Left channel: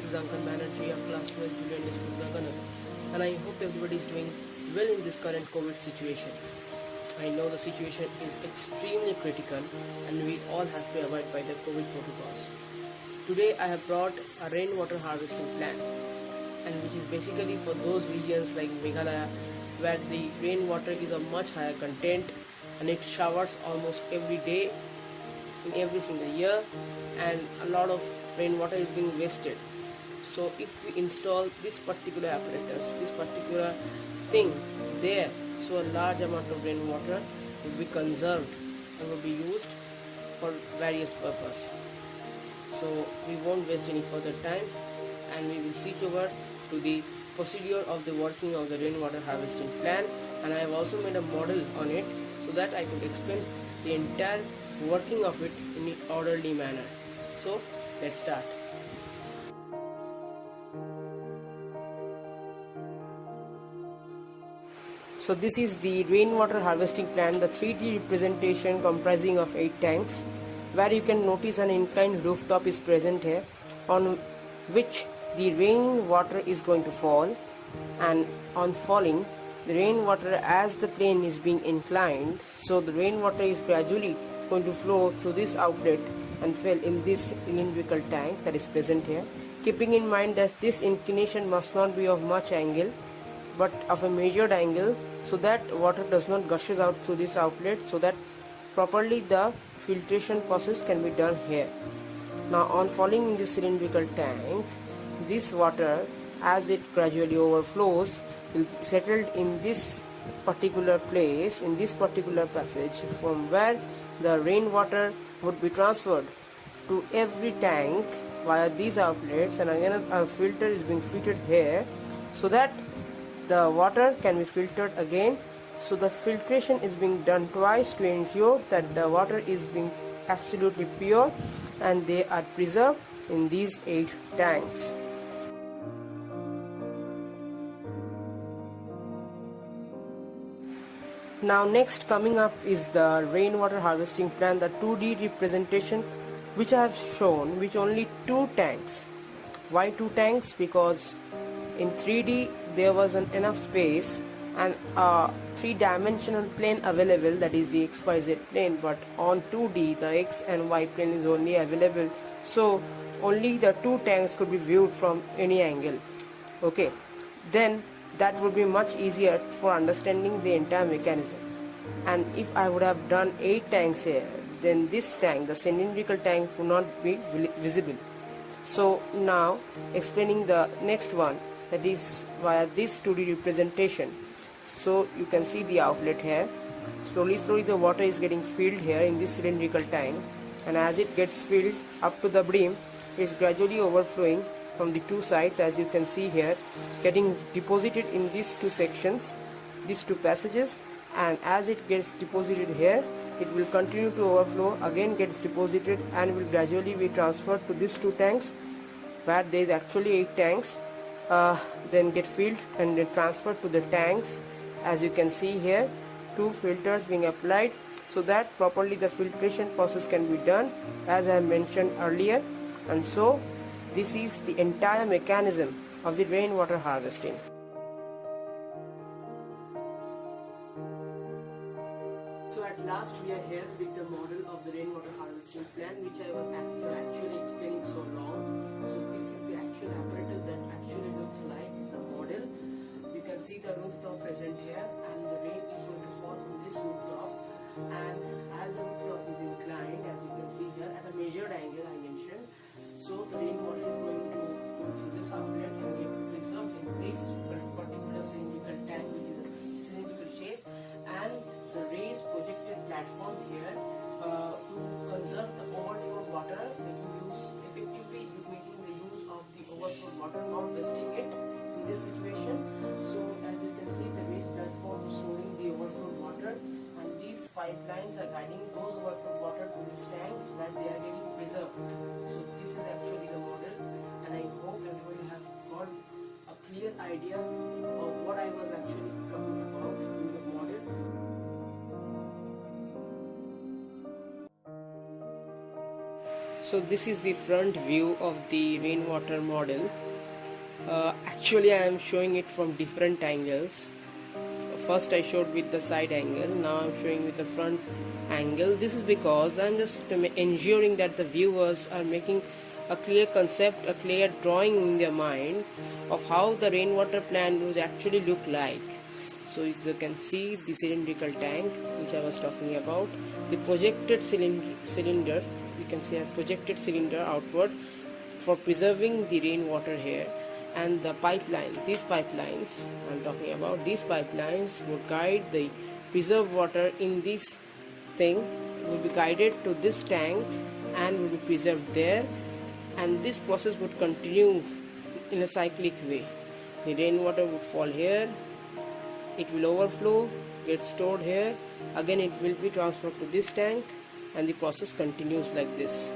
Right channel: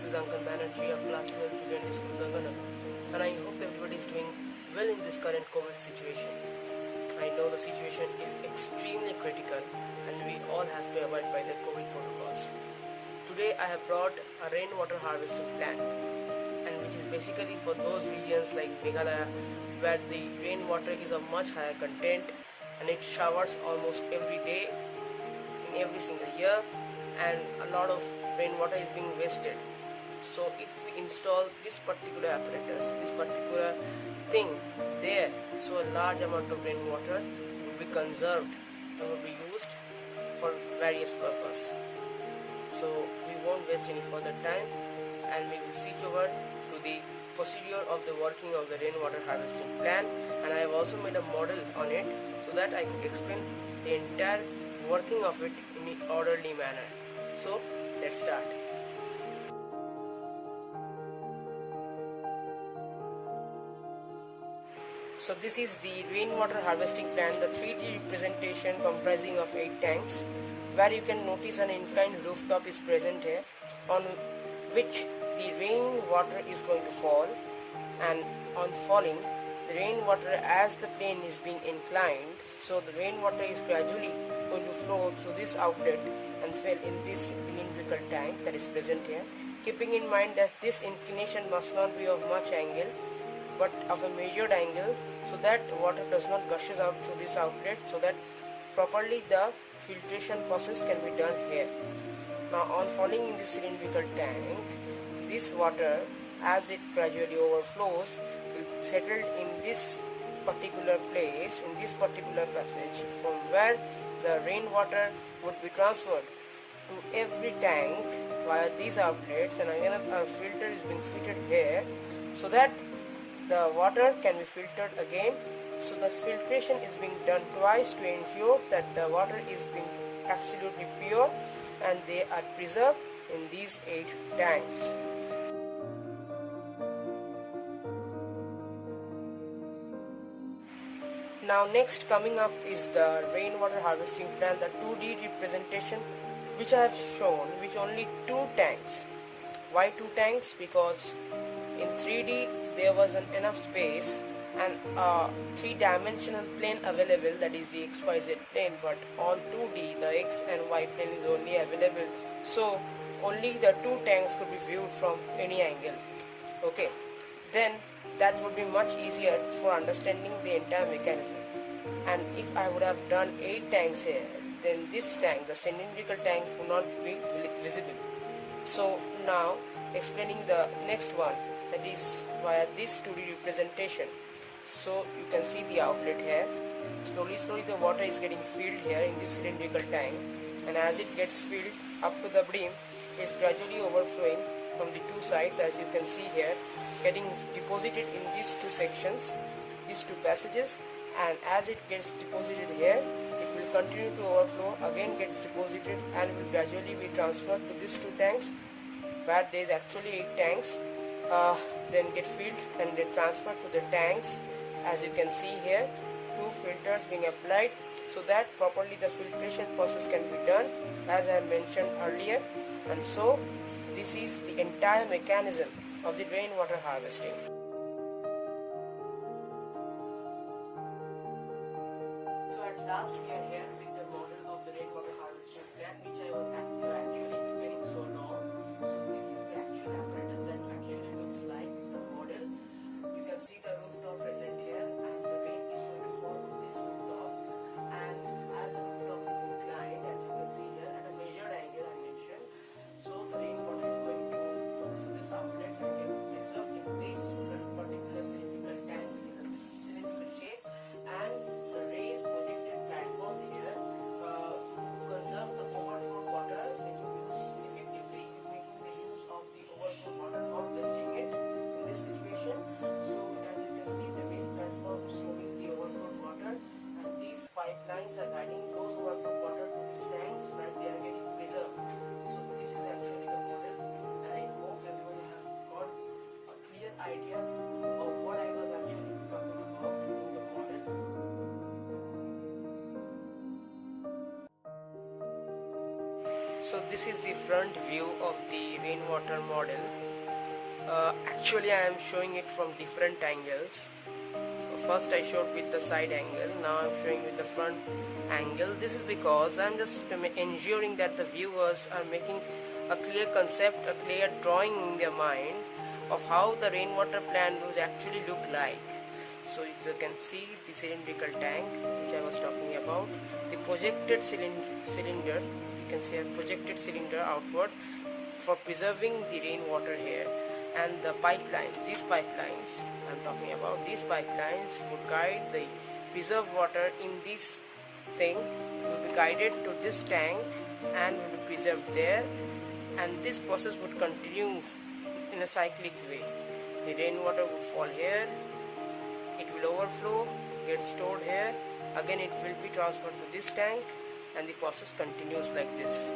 This is Ankan Banerjee of Class 12 Julian School, Ganganagar, and I hope everybody is doing well in this current COVID situation. I know the situation is extremely critical and we all have to abide by the COVID protocols. Today I have brought a rainwater harvesting plan, and which is basically for those regions like Meghalaya where the rainwater is of much higher content and it showers almost every day in every single year, and a lot of rainwater is being wasted. So if we install this particular apparatus, this particular thing there, so a large amount of rainwater will be conserved and will be used for various purpose. So we won't waste any further time and we will switch over to the procedure of the working of the rainwater harvesting plan, and I have also made a model on it so that I could explain the entire working of it in an orderly manner. So let's start. So this is the rainwater harvesting plan, the 3D representation comprising of 8 tanks, where you can notice an inclined rooftop is present here, on which the rainwater is going to fall, and on falling the rainwater, as the plane is being inclined, so the rainwater is gradually going to flow through this outlet and fill in this cylindrical tank that is present here, keeping in mind that this inclination must not be of much angle but of a measured angle, so that water does not gushes out through this outlet, so that properly the filtration process can be done here. Now on falling in this cylindrical tank, this water, as it gradually overflows, will settle in this particular place, in this particular passage, from where the rainwater would be transferred to every tank via these outlets, and again a filter is being fitted here so that the water can be filtered again. So the filtration is being done twice to ensure that the water is being absolutely pure and they are preserved in these 8 tanks. Now next coming up is the rainwater harvesting plan, the 2D representation which I have shown, which only 2 tanks. Why 2 tanks? Because in 3D there was enough space and a 3-dimensional plane available, that is the XYZ plane, but on 2D the X and Y plane is only available, so only the 2 tanks could be viewed from any angle. Okay, then that would be much easier for understanding the entire mechanism. And if I would have done 8 tanks here, then this tank, the cylindrical tank, would not be visible. So now explaining the next one, that is via this 2D representation. So you can see the outlet here. Slowly the water is getting filled here in this cylindrical tank, and as it gets filled up to the brim, it is gradually overflowing from the 2 sides, as you can see here, getting deposited in these 2 sections, these 2 passages, and as it gets deposited here, it will continue to overflow, again gets deposited, and will gradually be transferred to these 2 tanks, where there is actually 8 tanks, then get filled and then transferred to the tanks. As you can see here, 2 filters being applied so that properly the filtration process can be done, as I mentioned earlier. And so this is the entire mechanism of the rainwater harvesting. So at last we are here with the model of the rainwater harvesting plan, which I was actually explaining so long. So this is the actual apparatus that actually looks like the model. You can see the rooftop present here, and the rain is going to fall on this rooftop, and as the rooftop is inclined, as you can see here, at a measured angle I mentioned, so the rainwater is going to go through this outlet and get preserved in this particular cylindrical tank, which is a cylindrical shape, and the raised projected platform here to conserve the overflowed water, effectively making the use of the overflowed water, not wasting it in this situation. So as you can see, the raised platform is storing the overflowed water, and these pipelines are guiding those overflowed water to these tanks where they are getting preserved. So this is actually the model, and I hope everybody have got a clear idea of what I was actually talking about in the model. So this is the front view of the rainwater model. Actually I am showing it from different angles. First I showed with the side angle, now I'm showing with the front angle. This is because I'm just ensuring that the viewers are making a clear concept, a clear drawing in their mind of how the rainwater plant would actually look like. So you can see the cylindrical tank which I was talking about, the projected cylinder, you can see a projected cylinder outward for preserving the rainwater here, and the pipelines, these pipelines I'm talking about, these pipelines would guide the preserved water in this thing, will be guided to this tank and will be preserved there, and this process would continue in a cyclic way. The rainwater would fall here, it will overflow, get stored here, again it will be transferred to this tank, and the process continues like this.